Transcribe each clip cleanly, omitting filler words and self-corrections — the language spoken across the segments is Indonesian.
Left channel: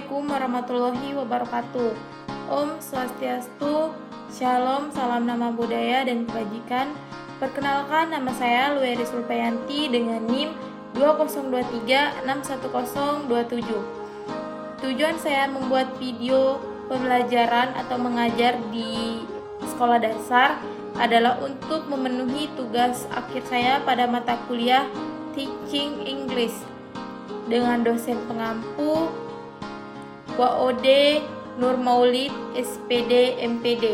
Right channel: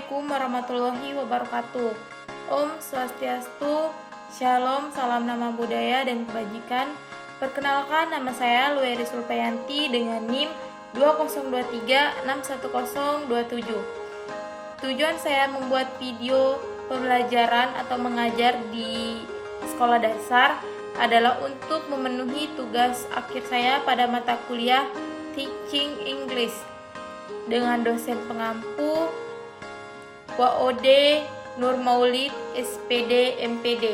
Assalamualaikum warahmatullahi wabarakatuh. Om Swastiastu, Shalom, salam nama budaya dan kebajikan. Perkenalkan, nama saya Lueri Sulpayanti dengan NIM 2023611027. Tujuan saya membuat video pembelajaran atau mengajar di sekolah dasar adalah untuk memenuhi tugas akhir saya pada mata kuliah Teaching English dengan dosen pengampu WOD Nur Maulid SPD MPD.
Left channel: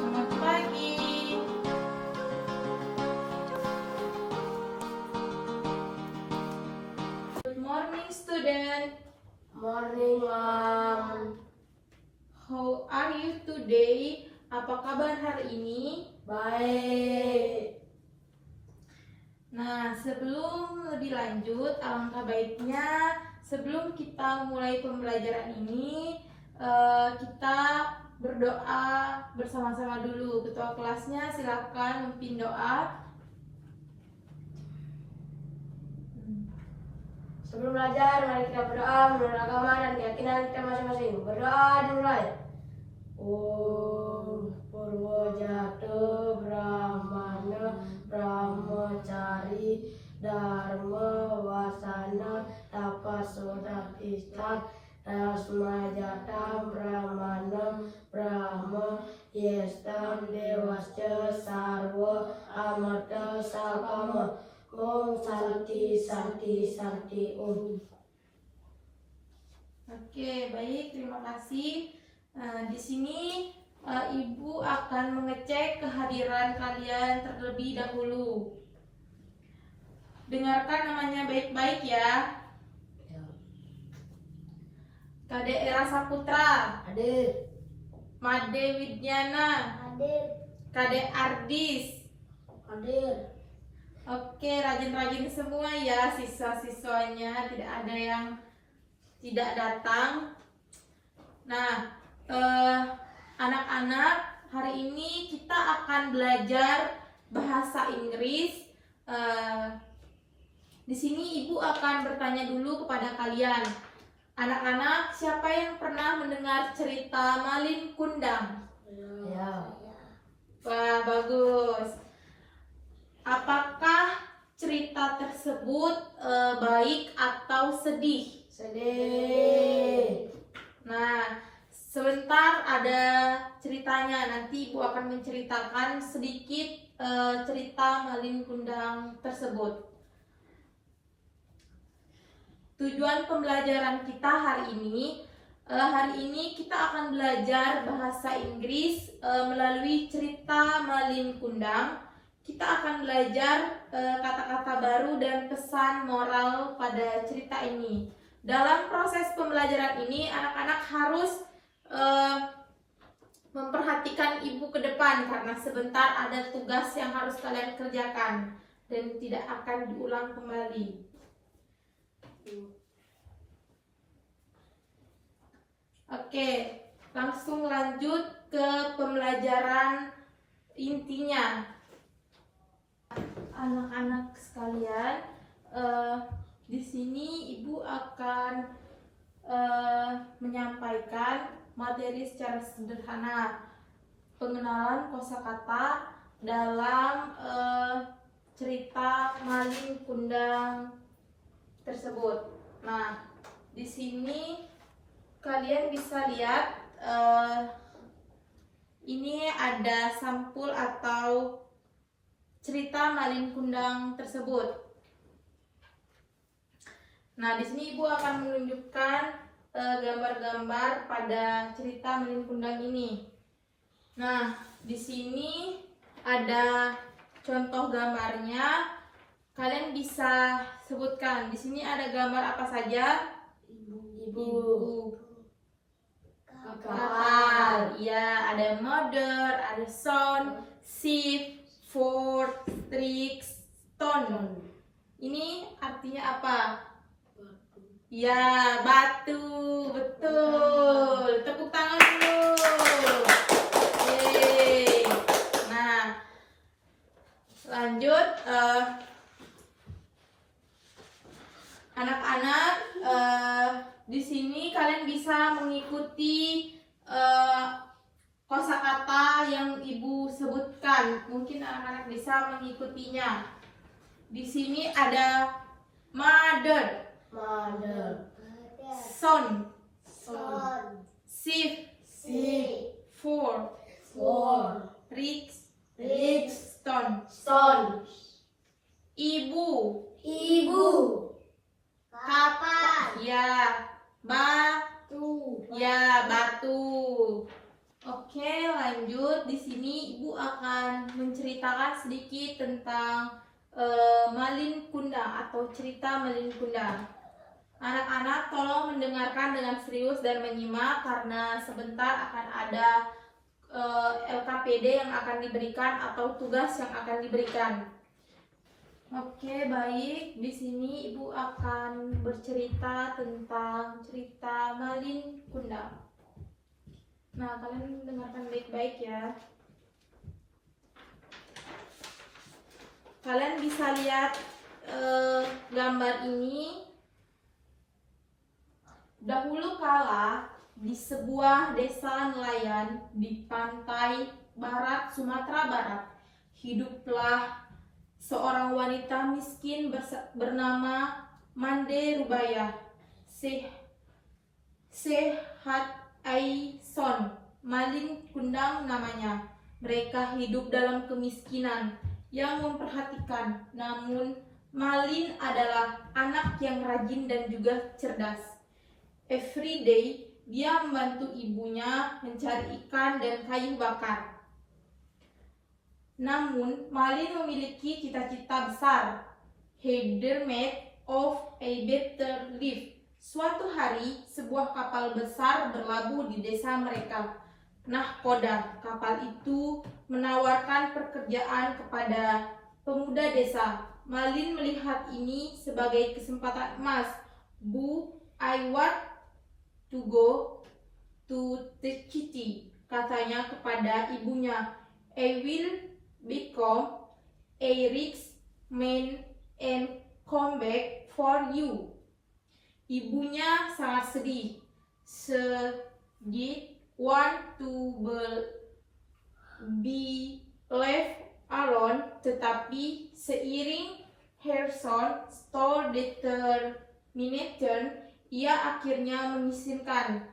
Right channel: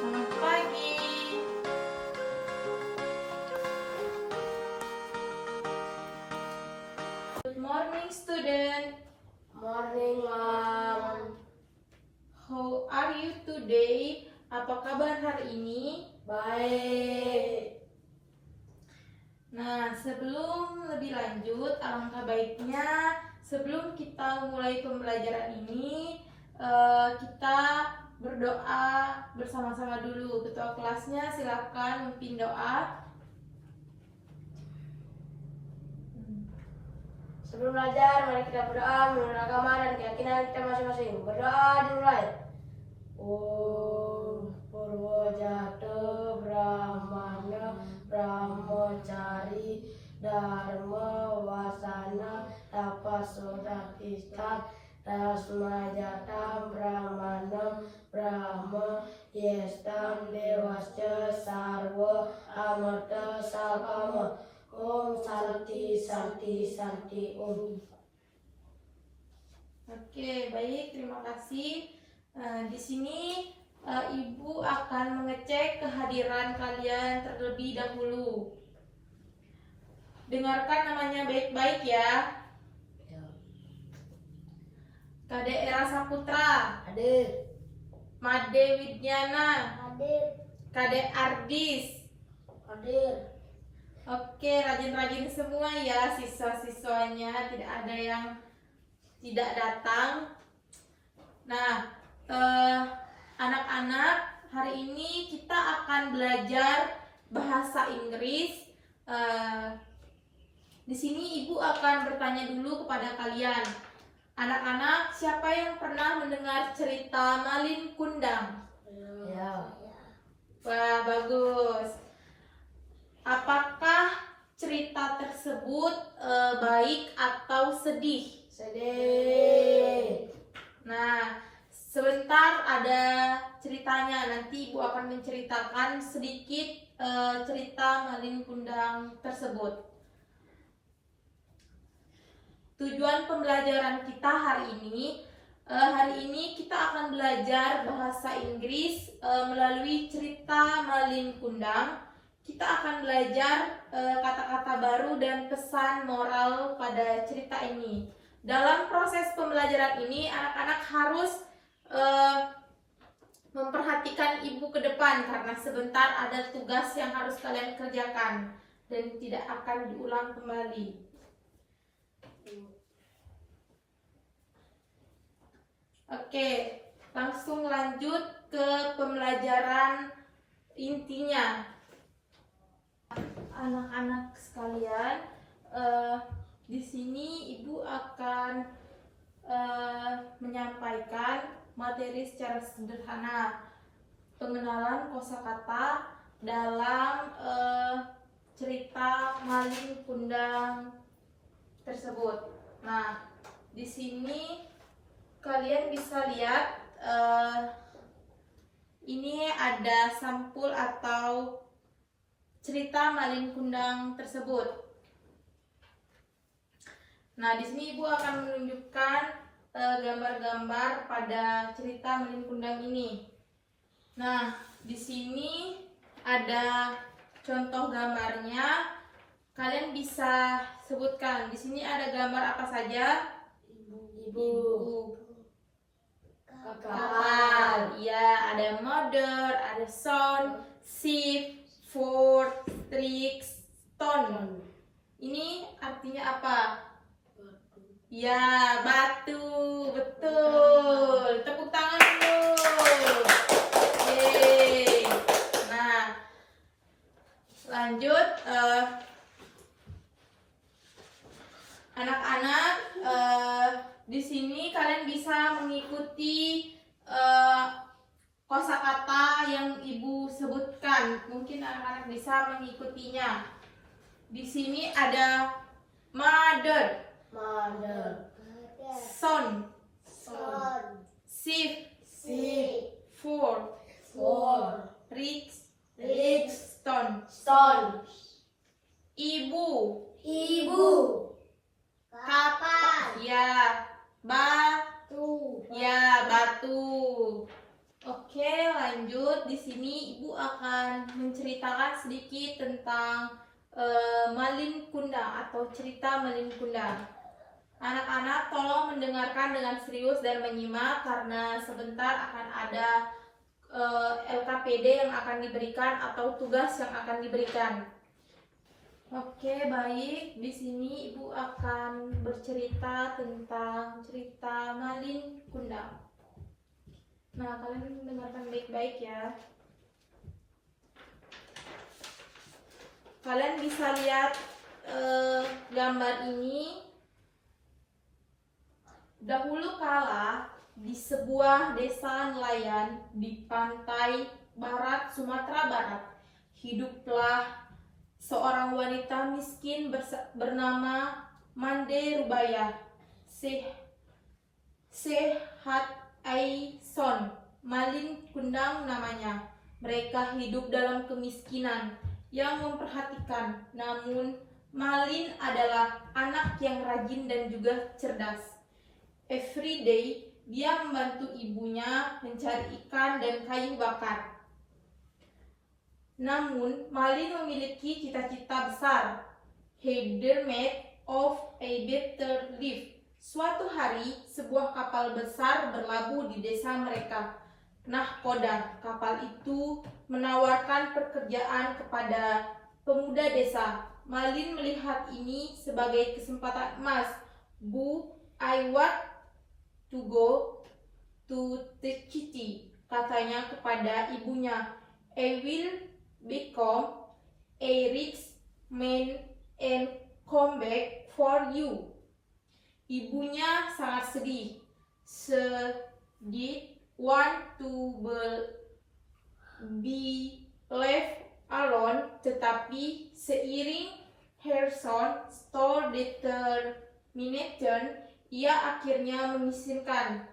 Selamat pagi. Good morning, student. Morning, Mom. How are you today? Apa kabar hari ini? Baik. Nah, sebelum lebih lanjut, alangkah baiknya sebelum kita mulai pembelajaran ini, kita berdoa bersama-sama dulu. Ketua kelasnya silakan memimpin doa. Sebelum belajar, mari kita berdoa menurut agama dan keyakinan kita masing-masing. Berdoa dimulai. Om Purwojatuh Brahmana Brahmacari Dharma Wasana Tapasodakista Tasmajatam Brahmanam Brahma Yestam Dewasya Sarva Amata Sakama. Om Santi Santi Santi Om. Oke, baik, terima kasih. Di sini Ibu akan mengecek kehadiran kalian terlebih dahulu. Dengarkan namanya baik-baik ya. Kade Era Saputra, Hadir. Made Widyana, Hadir. Kade Ardis. Hadir. Oke, rajin-rajin semua ya siswa-siswanya, tidak ada yang tidak datang. Nah, anak-anak, hari ini kita akan belajar bahasa Inggris. Di sini Ibu akan bertanya dulu kepada kalian. Anak-anak, siapa yang pernah mendengar cerita Malin Kundang? Ya. Wah, bagus. Apakah cerita tersebut baik atau sedih? Sedih. Nah, sebentar ada ceritanya. Nanti Ibu akan menceritakan sedikit cerita Malin Kundang tersebut. Tujuan pembelajaran kita hari ini kita akan belajar bahasa Inggris melalui cerita Malin Kundang. Kita akan belajar kata-kata baru dan pesan moral pada cerita ini. Dalam proses pembelajaran ini, anak-anak harus memperhatikan Ibu ke depan karena sebentar ada tugas yang harus kalian kerjakan dan tidak akan diulang kembali. Oke, langsung lanjut ke pembelajaran intinya. Anak-anak sekalian, di sini Ibu akan menyampaikan materi secara sederhana, pengenalan kosakata dalam cerita Malin Kundang tersebut. Nah, di sini kalian bisa lihat ini ada sampul atau cerita Malin Kundang tersebut. Nah, di sini Ibu akan menunjukkan gambar-gambar pada cerita Malin Kundang ini. Nah, di sini ada contoh gambarnya. Kalian bisa sebutkan. Di sini ada gambar apa saja? Ibu. Kapal. Ya, ada mother, ada son, ship, fort, tricks, stone. Ini artinya apa? Ya, batu. Betul. Tepuk tangan dulu. Yeay. lanjut, anak-anak, di sini kalian bisa mengikuti kosakata yang ibu sebutkan. Mungkin anak-anak bisa mengikutinya. Di sini ada mother, Mother. son, Son. sheep, Sheep. four, Four. rich, Rich. stone, Son. ibu, Ibu. Kapan. ya, Tu. ya, batu. Oke, lanjut. Di sini ibu akan menceritakan sedikit tentang Malin Kundang atau cerita Malin Kundang. Anak-anak tolong mendengarkan dengan serius dan menyimak karena sebentar akan ada LKPD yang akan diberikan atau tugas yang akan diberikan. Oke, baik. Di sini ibu akan bercerita tentang cerita Malin Kundang. Nah, kalian dengarkan baik-baik ya. Kalian bisa lihat gambar ini. Dahulu kala di sebuah desa nelayan di pantai barat Sumatera Barat, hiduplah seorang wanita miskin bernama Mande Rubaya Sehat Aison, Malin Kundang namanya. Mereka hidup dalam kemiskinan yang memperhatikan, namun Malin adalah anak yang rajin dan juga cerdas. Every day, dia membantu ibunya mencari ikan dan kayu bakar. Namun, Malin memiliki cita-cita besar. He dreamed of a better life. Suatu hari, sebuah kapal besar berlabuh di desa mereka. Nahkoda, kapal itu menawarkan pekerjaan kepada pemuda desa. Malin melihat ini sebagai kesempatan emas. Bu, I want to go to the city, katanya kepada ibunya. I will become a rich man and come back for you. Ibunya sangat sedih. She want to be left alone, tetapi seiring her son store determination, ia akhirnya mengizinkan.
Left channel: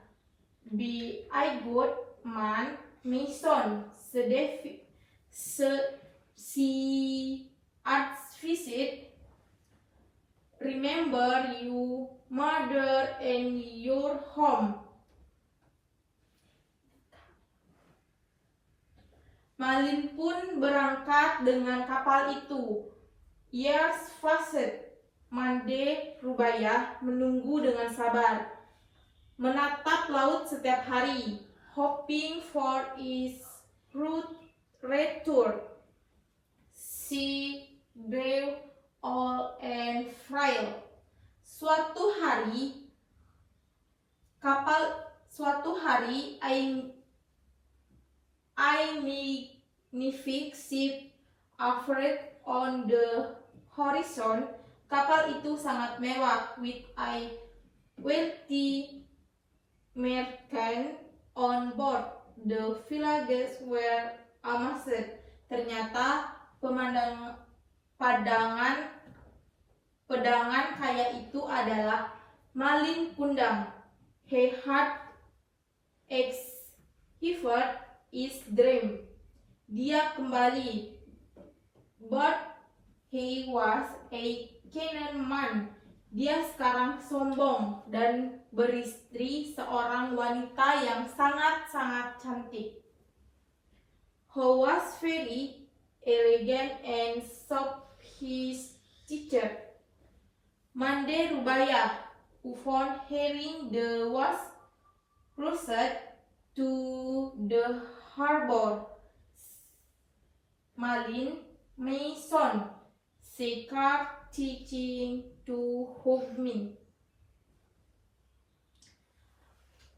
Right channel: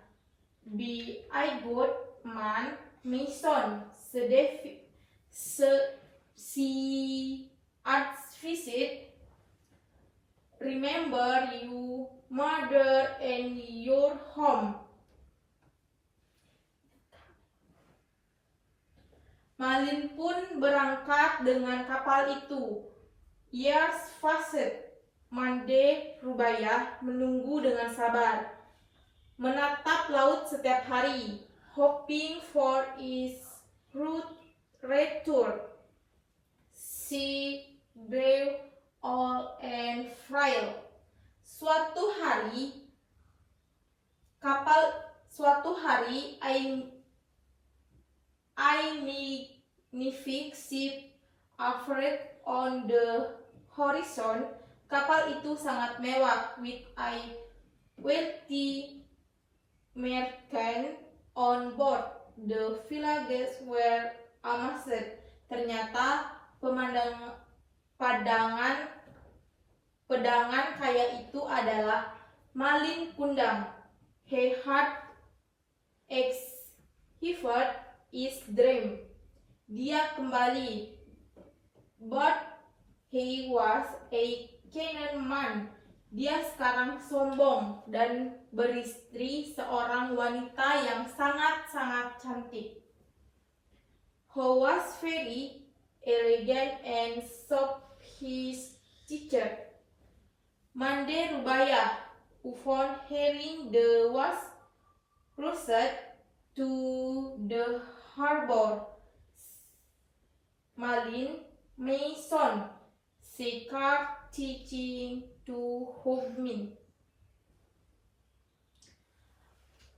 Be I good man, my son, si visit. Remember you mother and your home. Malin pun berangkat dengan kapal itu. Years passed. Mande Rubaya menunggu dengan sabar, menatap laut setiap hari, hoping for its return. She grew old and frail. Suatu hari, I magnific ship appeared on the horizon. Kapal itu sangat mewah, with a wealthy merchant on board. The villagers were amazed. Ternyata pedangan kaya itu adalah Malin Kundang. He had achieved his dream. Dia kembali, but he was a cunning man. Dia sekarang sombong dan beristri seorang wanita yang sangat-sangat cantik. Who was very elegant and sophisticated. Mande Rubaya, who found herring the was closer to the harbor. Malin, my son, Sekar teaching to hold me.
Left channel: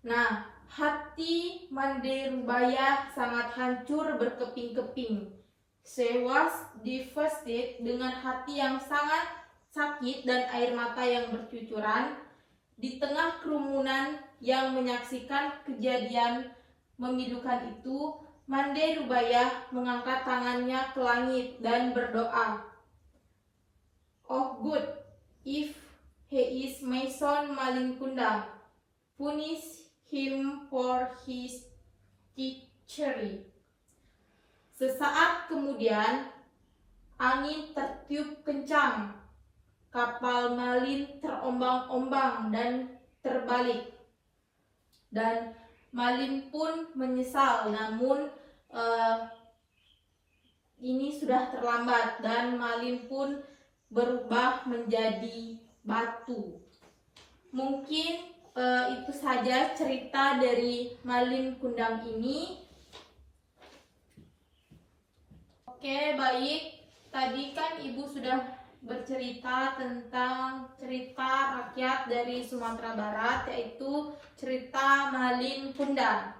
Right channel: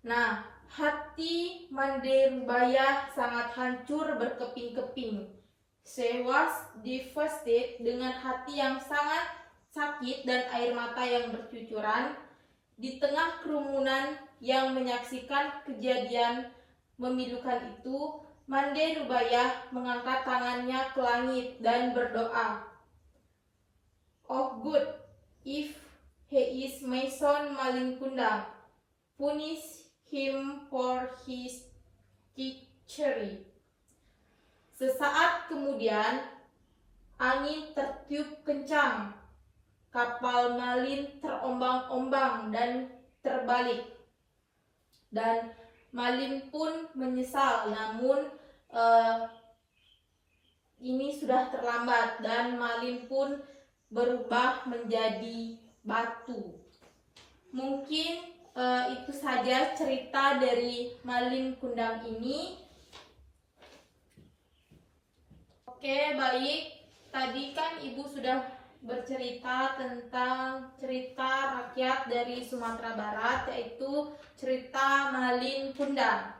Nah, hati Mande Rubaya sangat hancur berkeping-keping. She was devastated, dengan hati yang sangat sakit dan air mata yang bercucuran. Di tengah kerumunan yang menyaksikan kejadian memilukan itu, Mande Rubayah mengangkat tangannya ke langit dan berdoa. Oh good, if he is my son Malin Kundang, punish him for his treachery. Sesaat kemudian, angin tertiup kencang. Kapal Malin terombang-ombang dan terbalik. Dan Malin pun menyesal, namun ini sudah terlambat dan Malin pun berubah menjadi batu. Mungkin itu saja cerita dari Malin Kundang ini. Oke, baik. Tadi kan Ibu sudah bercerita tentang cerita rakyat dari Sumatera Barat, yaitu cerita Malin Kundang.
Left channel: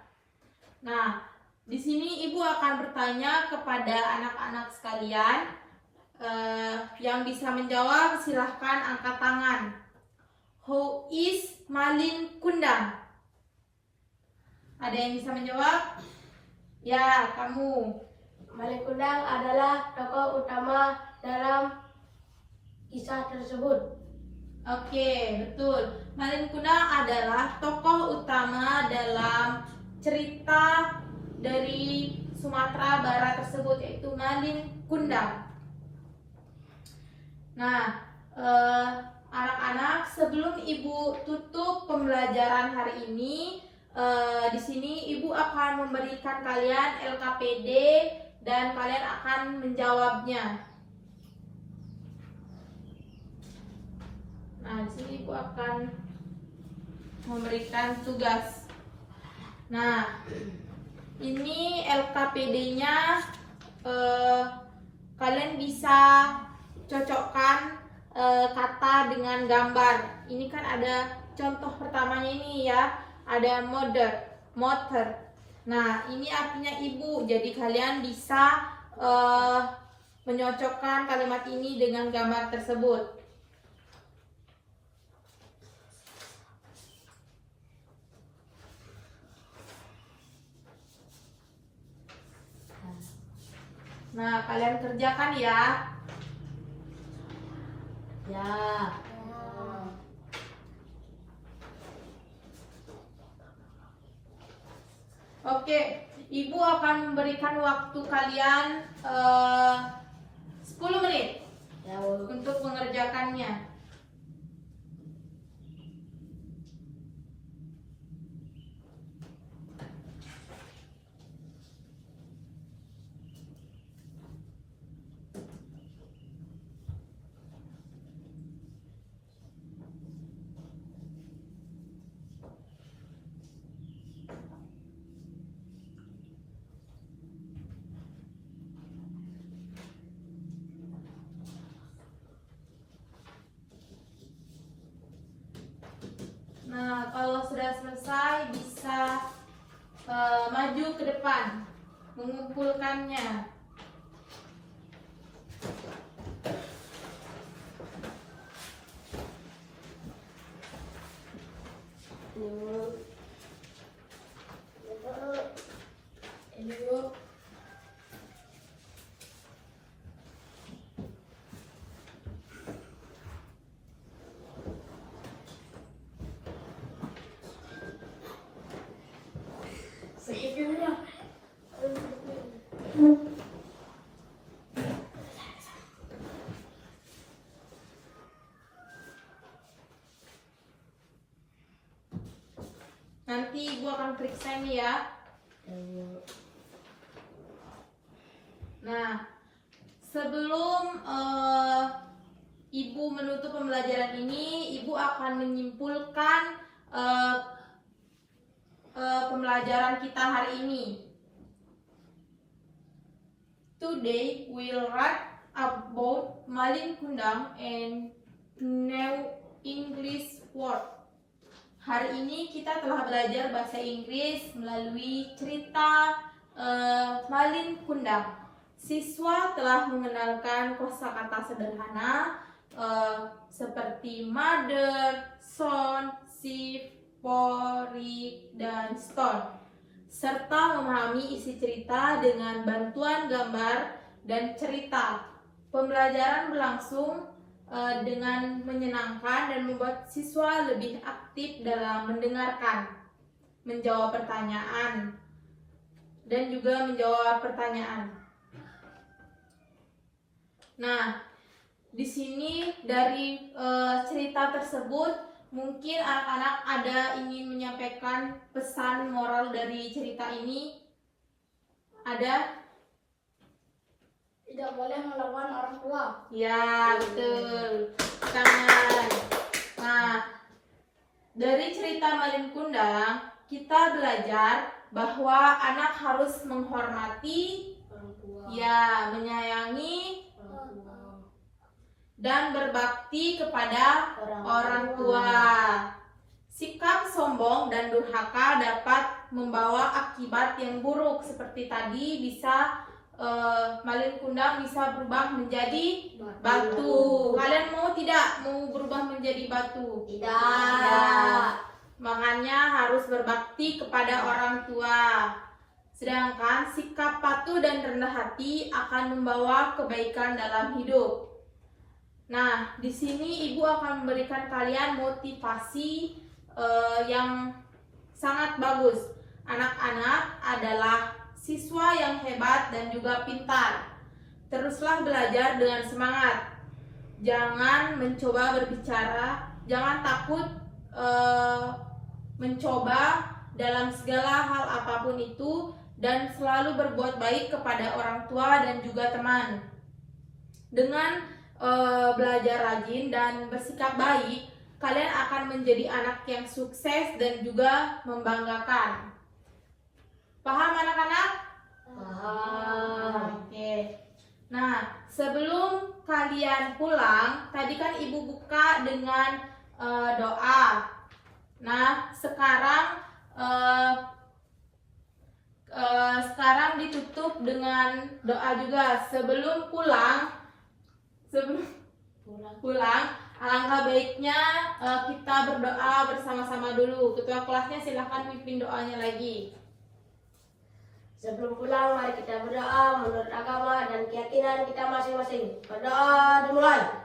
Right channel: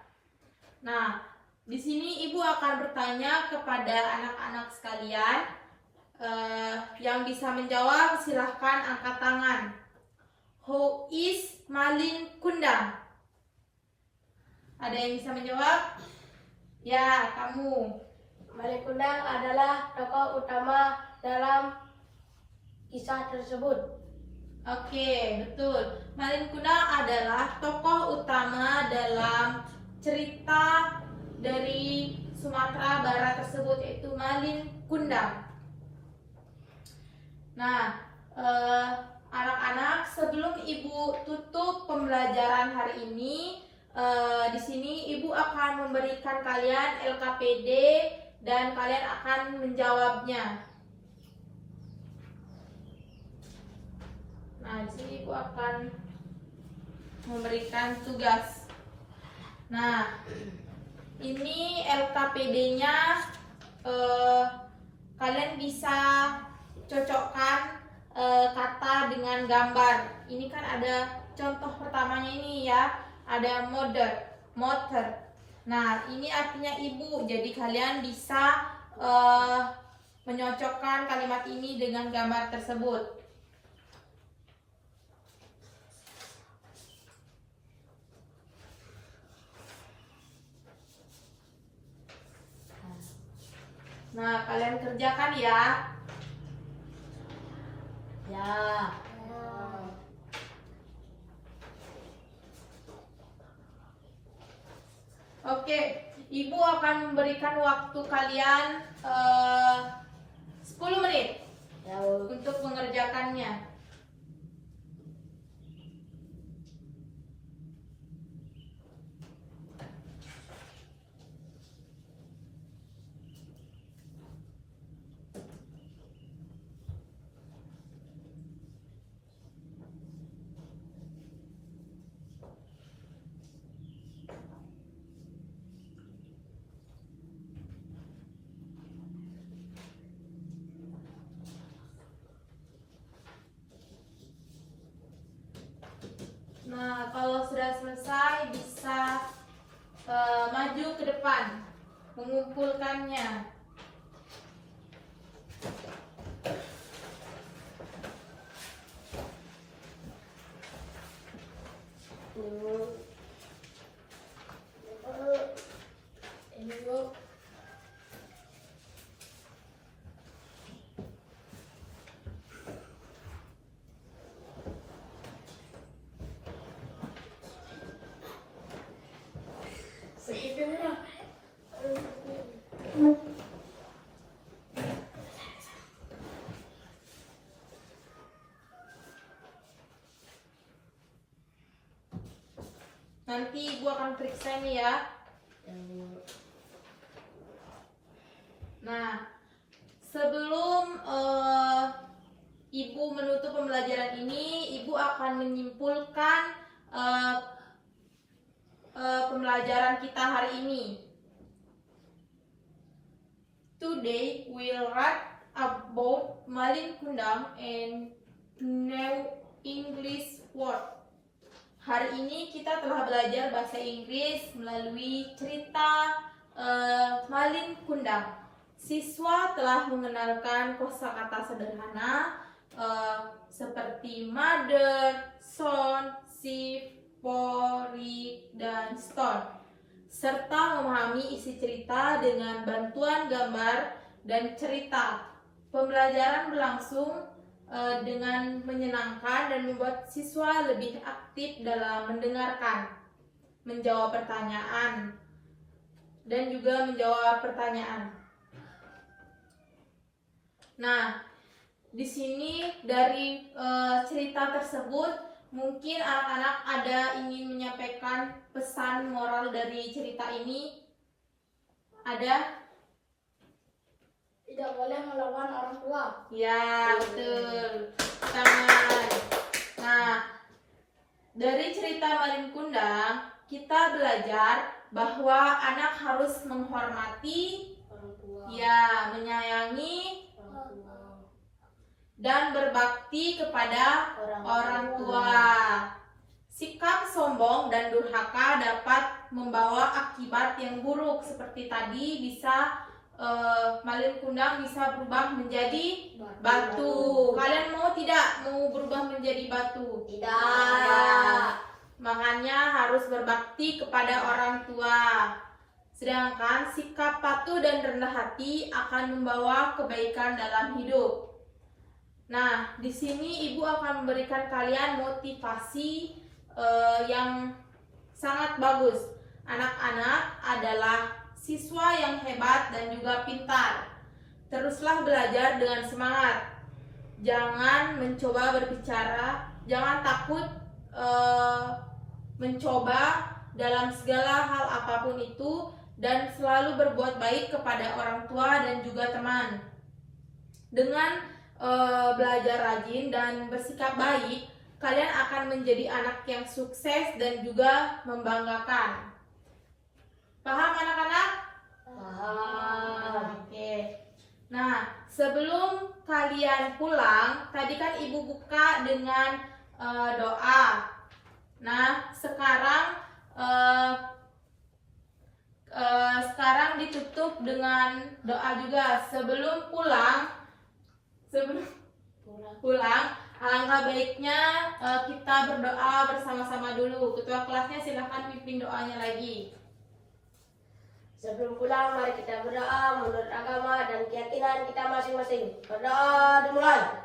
Nah, di sini Ibu akan bertanya kepada anak-anak sekalian. Yang bisa menjawab silahkan angkat tangan. Who is Malin Kundang? Ada yang bisa menjawab? Ya, kamu. Malin Kundang adalah tokoh utama dalam kisah tersebut. Oke, betul. Malin Kundang adalah tokoh utama dalam cerita dari Sumatera Barat tersebut, yaitu Malin Kundang. Nah, anak-anak, sebelum Ibu tutup pembelajaran hari ini, di sini Ibu akan memberikan kalian LKPD dan kalian akan menjawabnya. Nah, di sini Ibu akan memberikan tugas. Nah, ini LKPD-nya, kalian bisa cocokkan kata dengan gambar. Ini kan ada contoh pertamanya ini ya, ada motor. Nah, ini artinya ibu. Jadi kalian bisa menyocokkan kalimat ini dengan gambar tersebut. Nah, kalian kerjakan ya. Ya. Oke, Ibu akan memberikan waktu kalian 10 menit untuk mengerjakannya. Nah, kalau sudah selesai bisa maju ke depan mengumpulkannya. Nanti Ibu akan periksa ini ya. Nah, sebelum Ibu menutup pembelajaran ini, Ibu akan menyimpulkan pembelajaran kita hari ini. Today we'll write about Malin Kundang and new English word. Hari ini kita telah belajar bahasa Inggris melalui cerita Malin Kundang. Siswa telah mengenalkan kosakata sederhana seperti mother, son, shift, pori, dan stone, serta memahami isi cerita dengan bantuan gambar dan cerita. Pembelajaran berlangsung dengan menyenangkan dan membuat siswa lebih aktif dalam mendengarkan, menjawab pertanyaan, dan juga menjawab pertanyaan. Nah, di sini dari cerita tersebut mungkin anak-anak ada ingin menyampaikan pesan moral dari cerita ini. Ada? Tidak boleh melawan orang tua. Ya, betul. Tangan. Nah, dari cerita Malin Kundang, kita belajar bahwa anak harus menghormati, Orang tua. ya, menyayangi, Orang tua. dan berbakti kepada orang tua. Sikap sombong dan durhaka dapat membawa akibat yang buruk, seperti tadi bisa Malin Kundang bisa berubah menjadi batu. Kalian mau tidak mau berubah menjadi batu? Tidak. Makanya harus berbakti kepada orang tua. Sedangkan sikap patuh dan rendah hati akan membawa kebaikan dalam hidup. Nah, di sini Ibu akan memberikan kalian motivasi yang sangat bagus. Anak-anak adalah siswa yang hebat dan juga pintar. Teruslah belajar dengan semangat. Jangan mencoba berbicara, jangan takut mencoba dalam segala hal apapun itu, dan selalu berbuat baik kepada orang tua dan juga teman. Dengan belajar rajin dan bersikap baik, kalian akan menjadi anak yang sukses dan juga membanggakan. Paham anak-anak? Paham. Oke. Nah, sebelum kalian pulang, tadi kan Ibu buka dengan doa. Nah, sekarang ditutup dengan doa juga. Sebelum pulang, alangkah baiknya kita berdoa bersama-sama dulu. Ketua kelasnya silahkan pimpin doanya lagi. Sebelum pulang, mari kita berdoa menurut agama dan keyakinan kita masing-masing. Berdoa dimulai.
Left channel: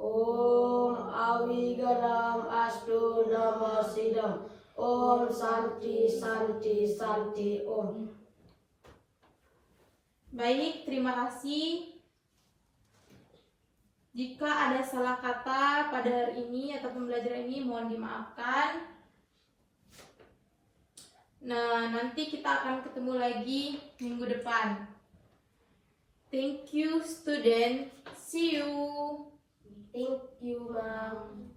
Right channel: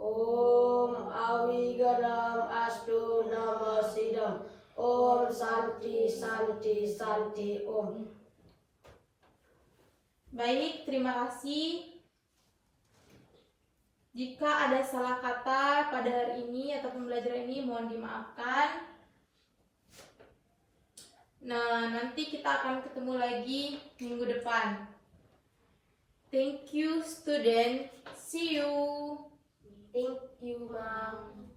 Om Awigaram Astu Nama Sidam. Om Santi Santi Santi Om. Baik, terima kasih. Jika ada salah kata pada hari ini atau pembelajaran ini, mohon dimaafkan. Nah, nanti kita akan ketemu lagi minggu depan. Thank you, student. See you. Thank you, Ma'am.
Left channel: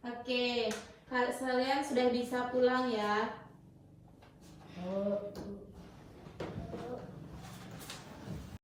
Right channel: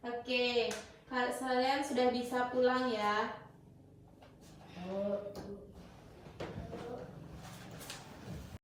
Oke, kalian sudah bisa pulang ya.